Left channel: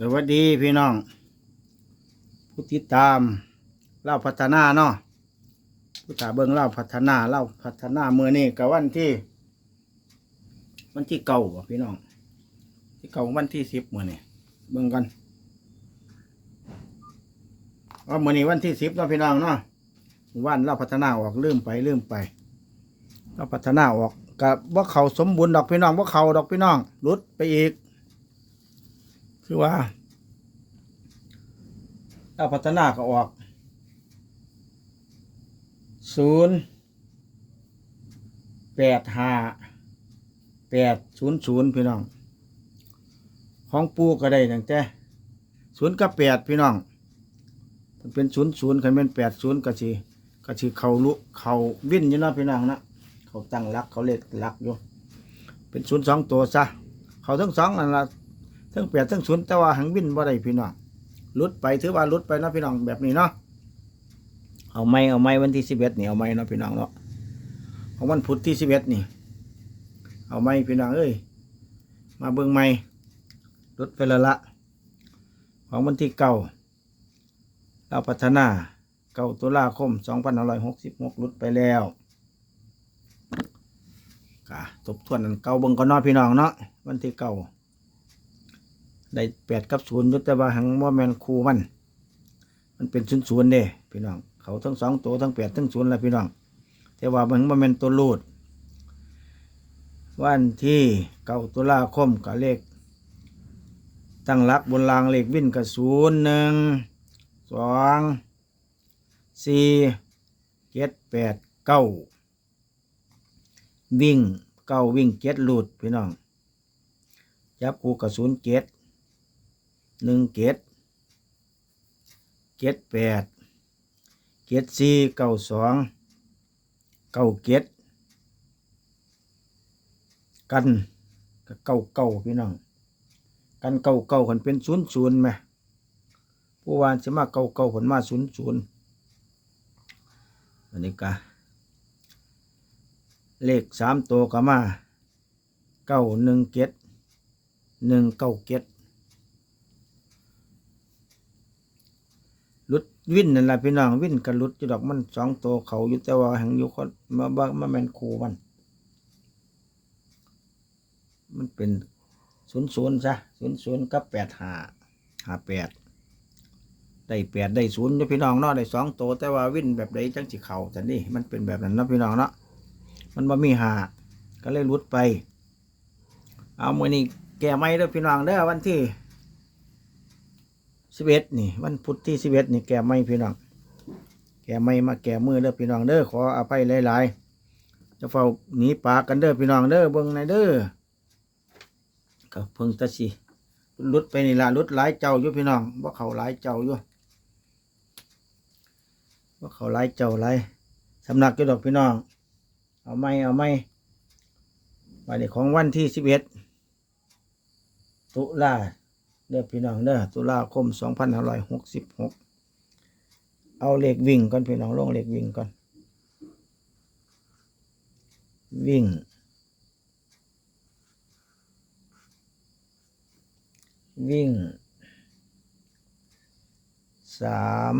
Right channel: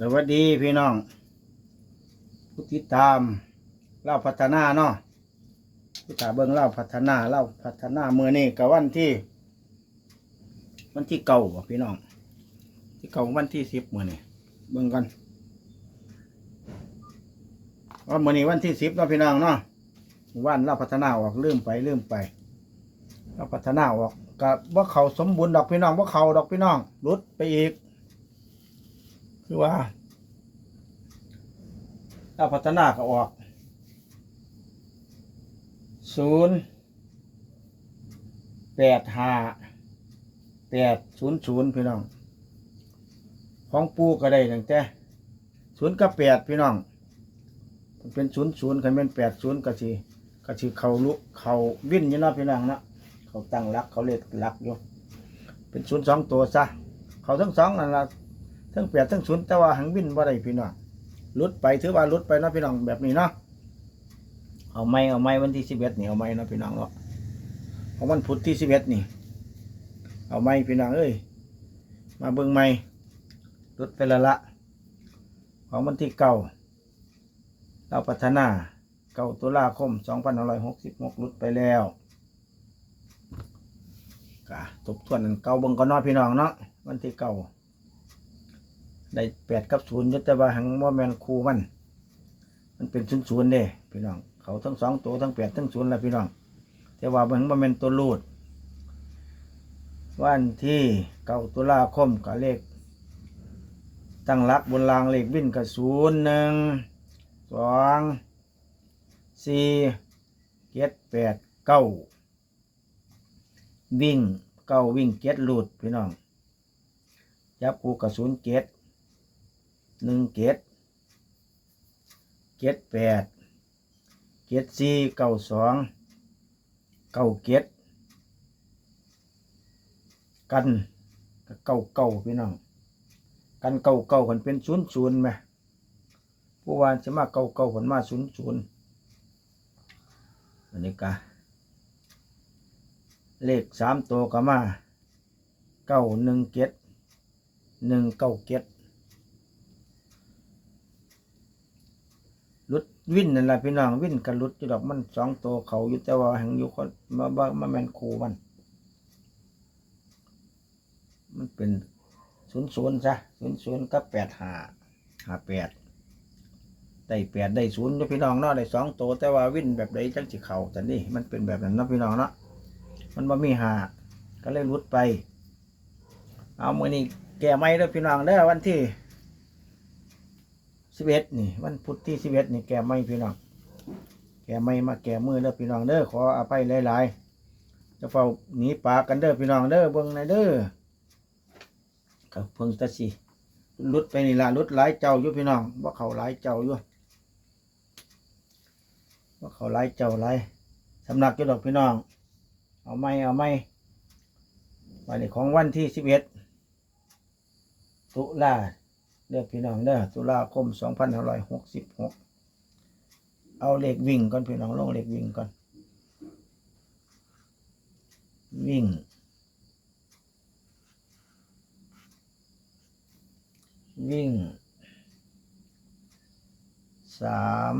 สวัสดีพี่น้อง ผู้ติดตามเล่าพัฒนาเนาะผู้ตาเบิ่งเล่าพัฒนาเล่าพัฒนาเมื่อนี้กับวันที่ วันที่เก่าบ่พี่น้อง ที่เก่าวันที่สิบเมื่อนี้เบิ่งกันว่าเมื่อนี้วันที่สิบเนาะพี่น้องเนาะวันเล่าพัฒนาออกลืมไปลืมไปเล่าพัฒนาออกกับว่าเขาสมบูรณ์ดอกพี่น้องว่าเขาดอกพี่น้องหลุดไปอีก คือว่า ถ้าพัฒนาก็ออกศูนย์แปดห้าแปดศูนย์ศูนย์พี่น้อง ของปูก็ได้ตั้งแต่ศูนย์กับแปดพี่น้องเป็นศูนย์ศูนย์คันเป็นแปดศูนย์ก็สิก็สิเขาลุเขาวิ่นยู่นาะพี่น้องนะเขาตั้งรักเขาเล็กรักอยู่เป็นศูนย์สองตัวซะเขาทั้งสองนั่นละ ทั้งแปดทั้งศูนย์แต่ว่าหังวินบ่ได้พี่น้องลุดไปถือว่าลุดไปนะพี่น้องแบบนี้เนาะเอาไม้เอาไม้วันที่สิบเอ็ดนี่เอาไม้เนาะพี่น้องเนาะเอาวันพุธที่สิบเอ็ดนี่ เอาไม้พี่น้องเอ้ยมาเบิ่งไม้ลุดไปละละของวันที่เก้าเราพัฒนาเก้าตุลาคมสองพันห้าร้อยหกสิบหกลุดไปแล้วก็ทบทวนเก่าเบิ่งก็นเนาะพี่น้องเนาะวันที่เก้า ได้แปดกับศูนย์ยุตแต่ว่าหังว่าแมนคูมัน มันเป็นศูนย์ศูนย์เด้พี่น้อง เขาทั้งสองตัวทั้งแปดทั้งศูนย์แหละพี่น้อง แต่ว่ามันว่าแมนตัวรูด วันที่เก้าตุลาคมกับเลข ตั้งหลักบนรางเลขวิ่นกับศูนย์หนึ่งสองสี่เจ็ดแปดเก้าวิ่งเก้าวิ่งเจ็ดลูดพี่น้องจับกูกับศูนย์เจ็ด หนึ่งเจ็ดเจ็ดแปดเจ็ดสี่เก้าสองเก้าเจ็ดกันกเก้าเก้าพี่น้องกันเก้าเก้าคนเป็นศูนย์ศูนย์ไหมผู้วานจะมาเก้าเก้าคนมาศูนย์ศูนย์อันนี้กะเลขสามตัวก็มาเก้าหนึ่งเจ็ดหนึ่งเก้าเก็ดลุด วินนั่นแหละพี่น้องวินกับลุดอยู่ดอกมันสองตัวเขาอยู่แต่ว่าแห่งอยู่คนมาบ้ามาแมนคูมัน มันเป็นศูนย์ศูนย์ซะศูนย์ศูนย์กับแปดหาหาแปดได้แปดได้ศูนย์พี่น้องเนาะได้สองตัวแต่ว่าวินแบบใดจังสิเขาแต่นี่มันเป็นแบบนั้นนะพี่น้องเนาะมันบ่มีหาก็เลยลุดไป เอามือนี้แก่ไม่เด้อพี่น้องเด้อวันที่ สิบเอ็ดนี่ วันพุธที่สิบเอ็ดนี่แกไม่พี่น้อง แกไม่มาแกมือเด้อพี่น้องเด้อขออภัยหลายๆจะเฝ้าหนีปากกันเด้อพี่น้องเด้อเบิ่งในเด้อก็เพิ่งตะสิลุดไปนี่ละลุดหลายเจ้าอยู่พี่น้องว่าเขาหลายเจ้าอยู่ว่าเขาหลายเจ้าหลายสำนักอยู่ดอกพี่น้อง เอาไม่เอาไม่วันนี้ของวันที่สิบเอ็ดตุลา เด้อพี่น้องเด้อตุลาคมสองพันห้าร้อยหกสิบหกเอาเลขวิ่งก่อนพี่น้องลงเลขวิ่งก่อน วิ่ง วิ่งสาม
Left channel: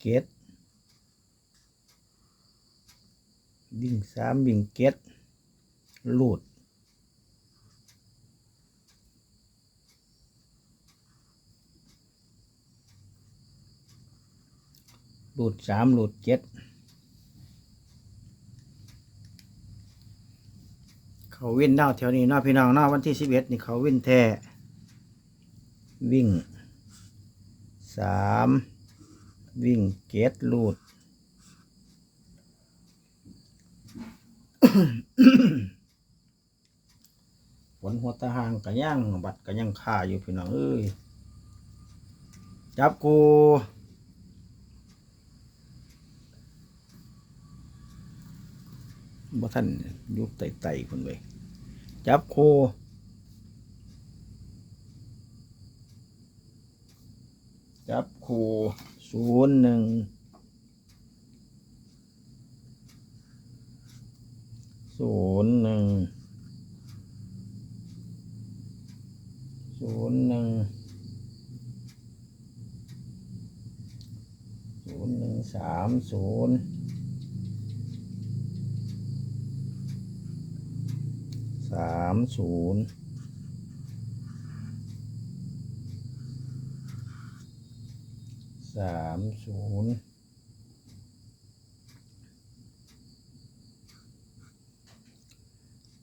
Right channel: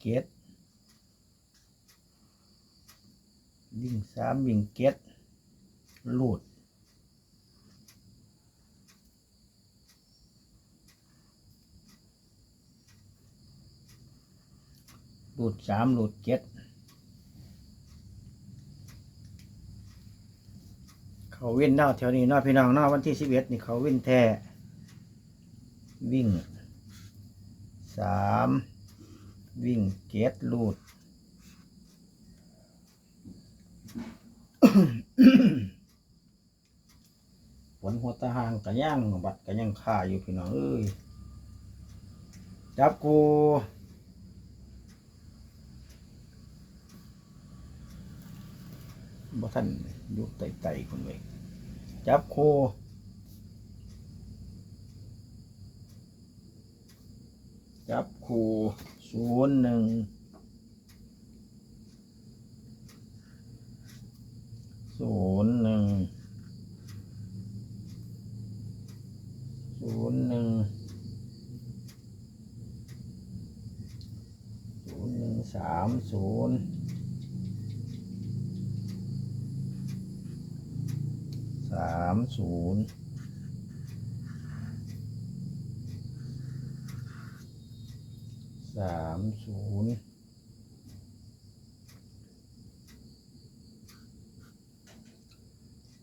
เกตวิ่งสามวิ่งเก็ด ลูดลูดสามลูดเจ็ดเขาวิ่นเน่าแถวนี้นาพี่น้องเนาวันที่สิบเอ็ดนี่เขาวิ่นแท้วิ่งสามวิ่งเก็ดลูด ฝนหัวตาหางกันย่างบัดกันย่างข่าอยู่พี่น้องเอ้ยจับกูบ่ท่านยุบไตไตคนเว้ยจับคูจับคูศูนย์หนึ่งศูนย์หนึ่ง ศูนย์หนึ่งศูนย์หนึ่งสามศูนย์สามศูนย์สามศูนย์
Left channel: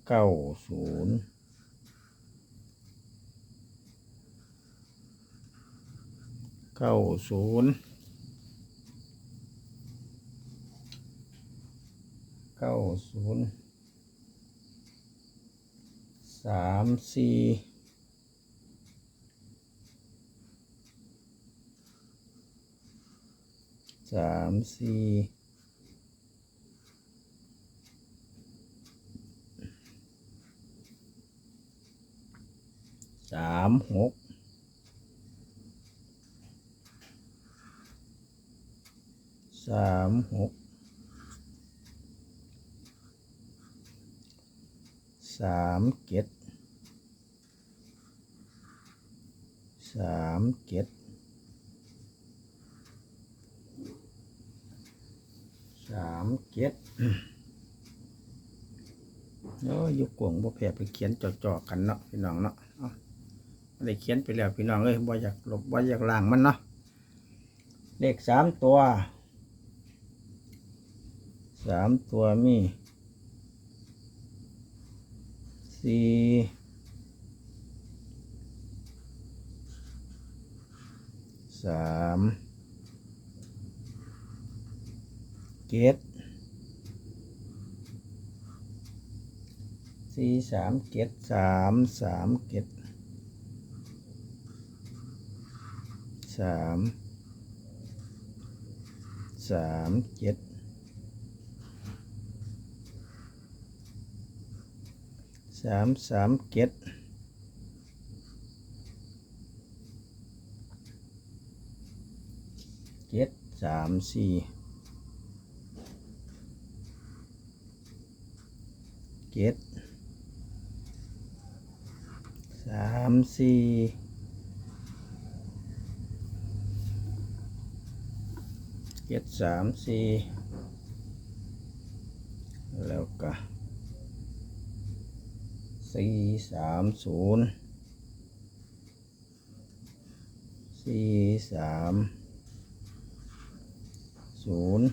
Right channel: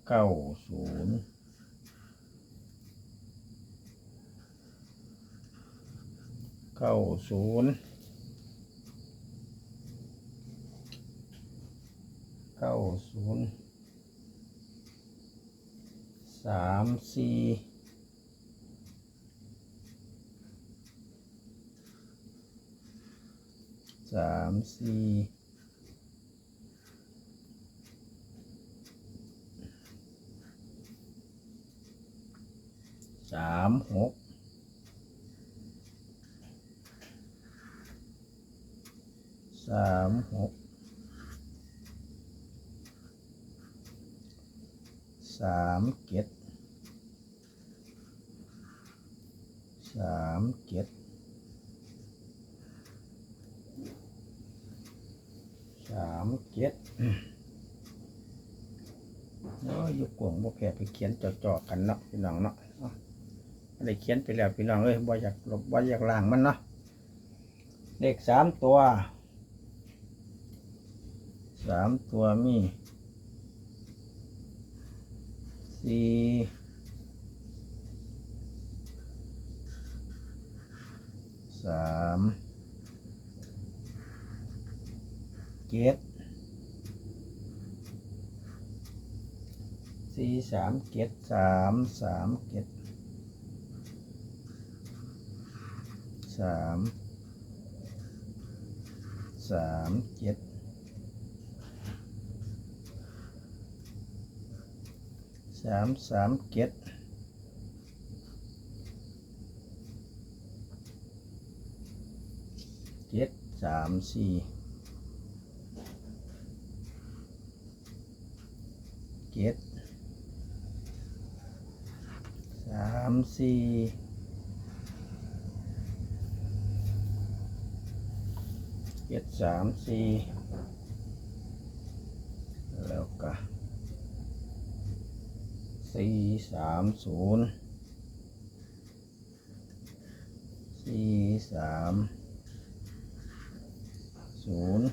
เก้าศูนย์ เก้าศูนย์เก้าศูนย์สามสี่สามสี่สามหก สามหกสามเจ็ดสามเจ็ดสามเจ็ดเนาะยุกกวงบ่แพ้ไปเขียนจ่อๆกันเนาะพี่น้องเนาะเอาอันได้เขียนไปแล้วพี่น้องเอ้ยบ่อยากลบบ่อยากล้างมันเนาะเลขสามตัว สามตัวมีสี่สามเจ็ดสี่สามเจ็ดสามสามเจ็ดสามสามเจ็ด สามสามเจ็ดเจ็ดสามสี่เจ็ดสามสี่เจ็ดสามสี่แล้วก็ สี่สามศูนย์สี่สามศูนย์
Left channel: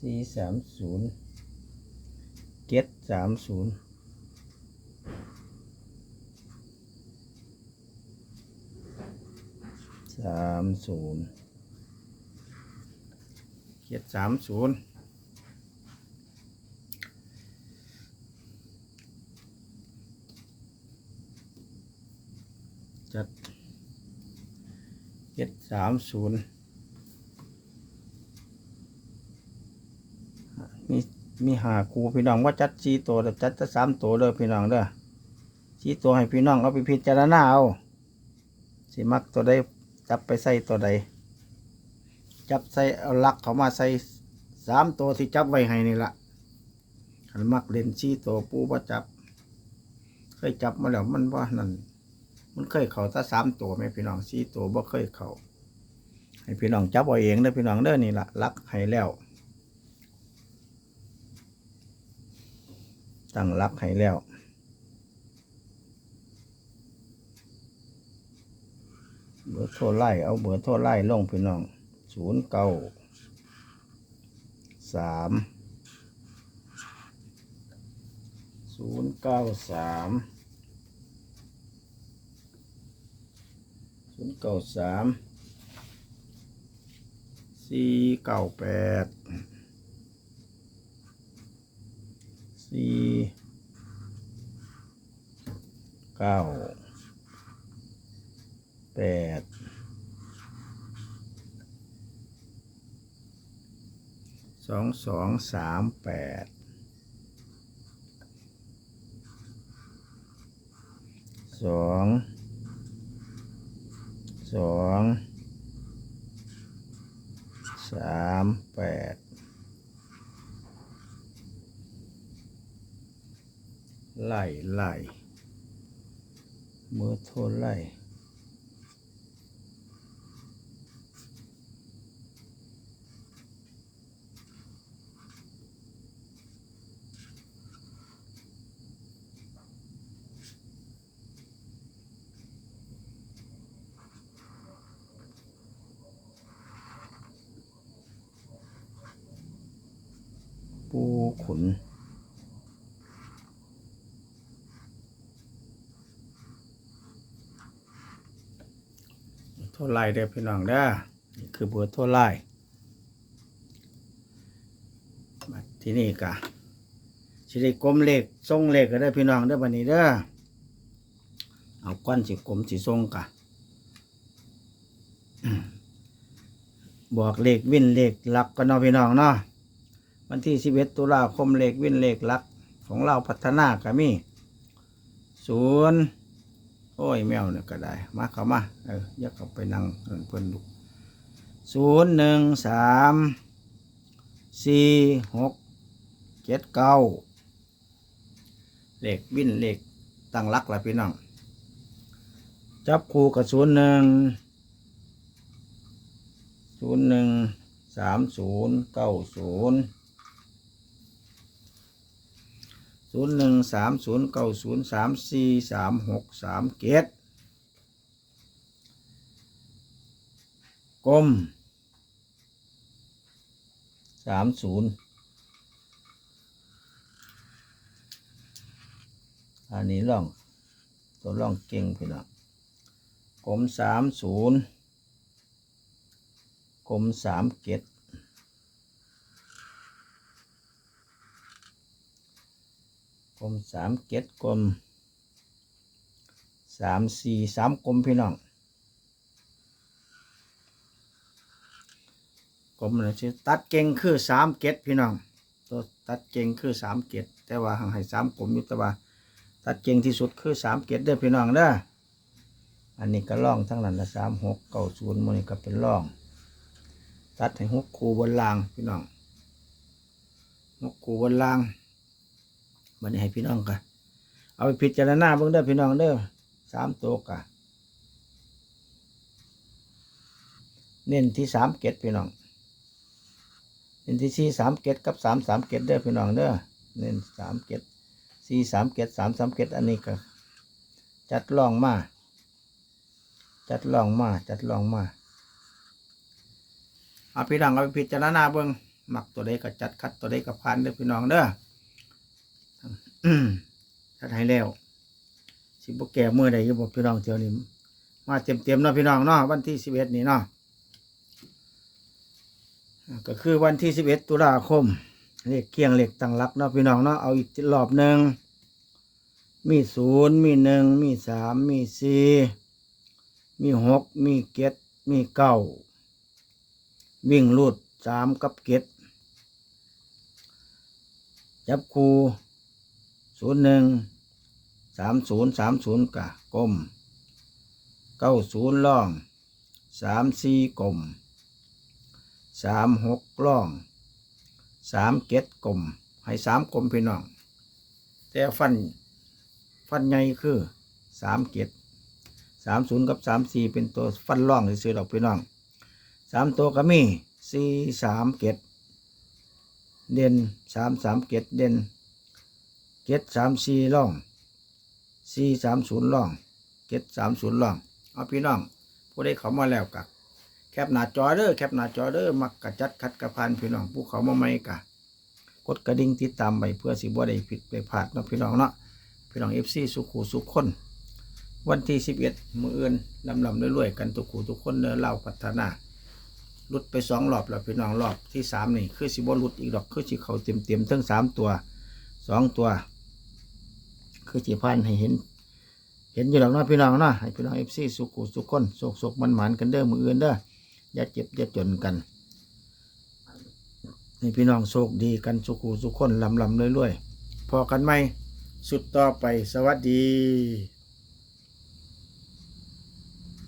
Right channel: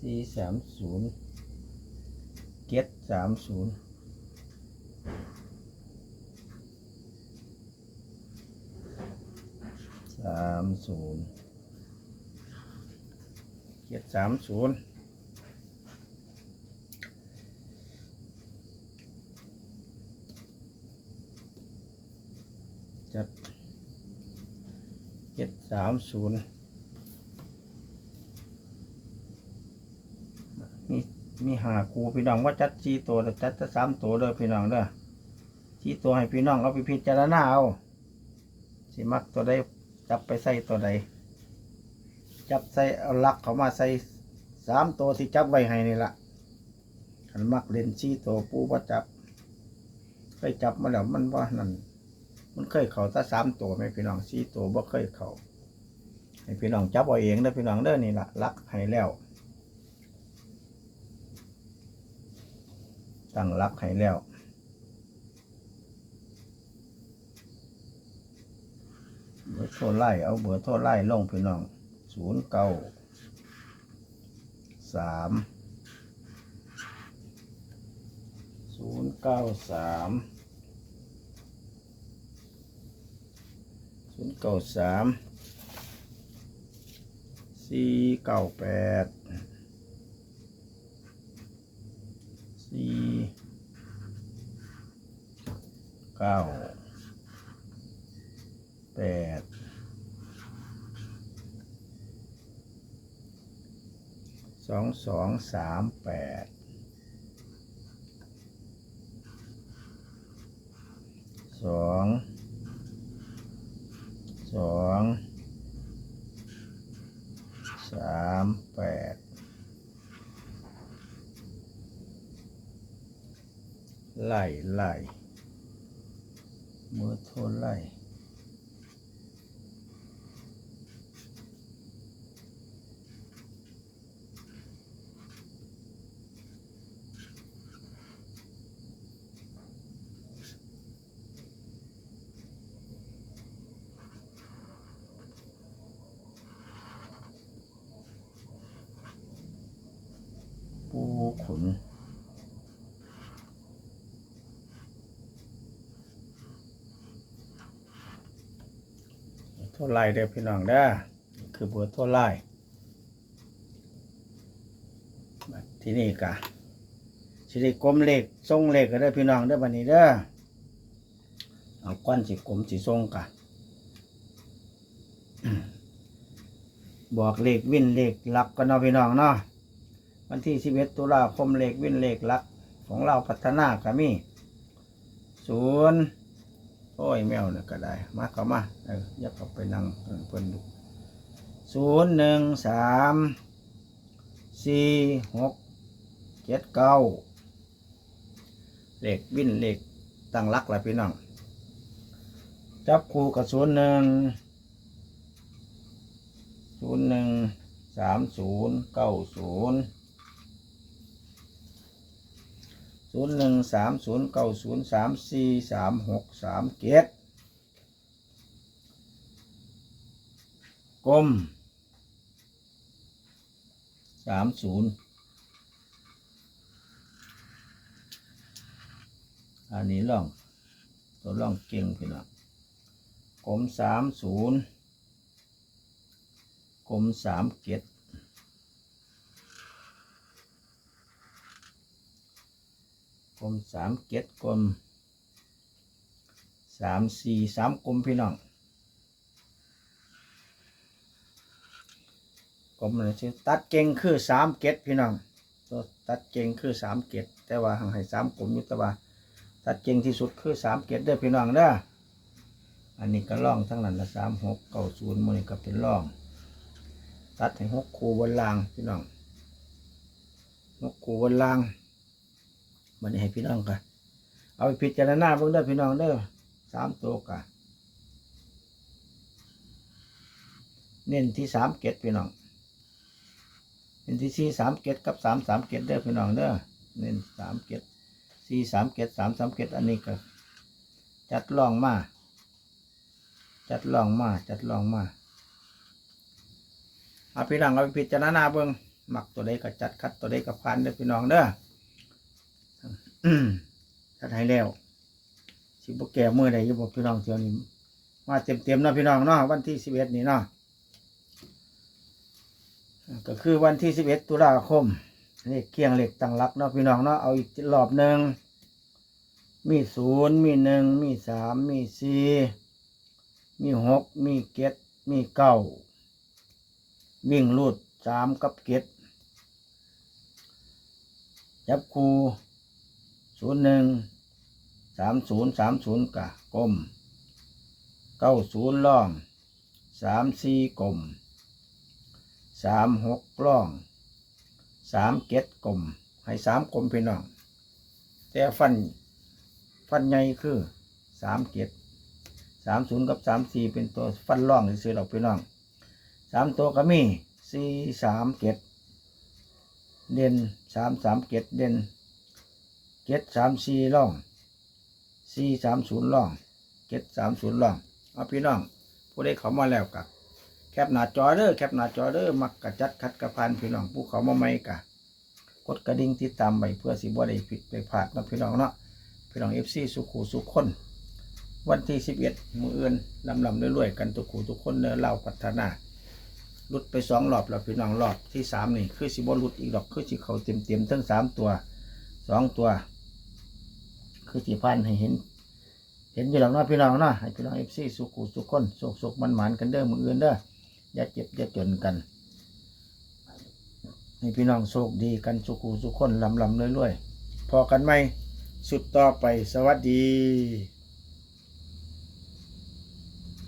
สี่สามศูนย์เจ็ดสามศูนย์สามศูนย์เจ็ดสามศูนย์ จัดเจ็ดสามศูนย์มีมีหาครูพี่น้องว่าจัดสี่ตัวจัดสามตัวเด้อพี่น้องเด้อสี่ตัวให้พี่น้องเอาไปพิจารณาเอาสิมักตัวใดจับไปใส่ตัวใดจับใส่เอาลักเขามาใส่สามตัวที่จับไว้ให้นี่ละขันมักเล่นสี่ตัวปูว่าจับเคยจับมาแล้วมันว่านั่น มันเคยเขาถ้าสามตัวไหมพี่น้องสี่ตัวบ่เคยเขาให้พี่น้องจับเอาเองเด้อพี่น้องเด้อนี่ละลักให้แล้วตั้งลักให้แล้วเบอร์โทรไล่เอาเบอร์โทรไล่ลงพี่น้องศูนย์เก้าสามศูนย์เก้าสามศูนย์ เก้าสามสี่เก้าแปดสี่เก้าแปดสองสองสามแปดสอง สองสามแปดไล่ไล่เมื่อโทรไล่ ปู ขุน โทรไล่เด้อพี่น้องเด้อคือเบอร์โทรไล่ที่นี่กะสิได้กลมเลขทรงเลขก็ได้พี่น้องเด้อบัดนี้เด้อเอาก้อนสิกลมสิทรงกะบอกเลขวิ่นเลขหลักกันเนาะพี่น้องเนาะ วันที่11ตุลาคมเลขวินเลขลัก ของเราพัฒนากะมีศูนย์โอ้ยแมวเนี่ยก็ได้ มาเข้ามา เออยักเข้าไปนั่งเพิ่นเพิ่นดูศูนย์หนึ่งสามสี่หกเจ็ดเก้าเลขวินเลขตั้งรักละพี่น้องจับคู่กับศูนย์หนึ่งศูนย์หนึ่งสามศูนย์เก้าศูนย์ ศูนย์หนึ่งสามศูนย์เก้าศูนย์สามสี่สามหกสามเกตกลมสามศูนย์อันนี้ล่องตัวล่องเก่งพี่น้องกลมสามศูนย์กลมสามเกต กลมสามเก็ดกลมสามสี่สามกลมพี่น้องกลมเลยชื่อตัดเก่งคือสามเก็ดพี่น้องตัวตัดเก่งคือสามเก็ดแต่ว่าห่างให้สามกลมยุตว่าตัดเก่งที่สุดคือสามเก็ดเด้อพี่น้องเด้ออันนี้ก็ล่องทั้งนั้นละสามหกเก้าศูนย์มันก็เป็นล่อง ตัดให้หกคูบนรางพี่น้องหกคูบนราง บันให้พี่น้องกันเอาไปพิจารณาเบิ่งเด้อพี่น้องเด้อสามตัวกะเน้นที่สามเกตพี่น้องเน้นที่สี่สามเกตกับสามสามเกตเด้อพี่น้องเด้อเน้นสามเกตสี่สามเกตสามสามเกตอันนี้ก็จัดลองมาจัดลองมาจัดลองมาเอาพี่น้องเอาไปพิจารณาเบิ่งหมักตัวใดก็จัดคัดตัวใดก็ผ่านเด้อพี่น้องเด้อ อืมถ้าไทยแล้ว สิบแก่เมื่อใดจะบอกพี่น้องเที่ยวนี้มาเต็มเต็มๆเนาะพี่น้องเนาะวันที่สิบเอ็ดนี่เนาะก็คือวันที่สิบเอ็ดตุลาคมเลขเคียงเลขตั้งหลักเนาะพี่น้องเนาะเอาอีกรอบหนึ่งมีศูนย์มีหนึ่งมีสามมีสี่มีหกมีเจ็ดมีเก้าวิ่งรูดสามกับเจ็ดจับคู ศูนย์หนึ่งสามศูนย์สามศูนย์กะกลมเก้าศูนย์ล่องสามสี่กลมสามหกล่องสามเก็ดกลมให้สามกลมพี่น้องแต่ฟันฟันใหญ่คือสามเก็ดสามศูนย์กับสามสี่เป็นตัวฟันล่องซื้อดอกพี่น้องสามตัวก็มีสี่สามเก็ดเด่นสามสามเก็ดเด่น เจ็ดสามสี่ล่องสี่สามศูนย์ล่องเจ็ดสามศูนย์ล่องเอาพี่น้องผู้ได้เขามาแล้วกะแคปหน้าจอเด้อแคปหน้าจอเด้อมักกะจัดคัดกระพันพี่น้องผู้เขามาใหม่กะกดกระดิ่งติดตามไปเพื่อสิบ่ได้ผิดไปพลาดนะพี่น้องเนาะพี่น้องเอฟซีสุขูสุขคน วันที่สิบเอ็ดมืออื่นลำลำรวยๆกันทุกขู่ทุกคนเนอเล่าพัฒนาลุดไปสองรอบแล้วพี่น้องรอบที่สามนี่คือสิบ่หลุดอีกดอกคือสิเขาเต็มเต็มทั้งสามตัวสองตัว คือจีพันให้เห็น เห็นอยู่หลังนาะพี่น้องเนาะให้พี่น้องเอฟซีสุขุสุขคนสุขสุขมันหมานกันเด้อมืออื่นเด้ออย่าเจ็บอย่าจนกันให้พี่น้องโชคดีกันสุขุสุขคนลำลำเรื่อยๆพอกันไหมสุดต่อไปสวัสดี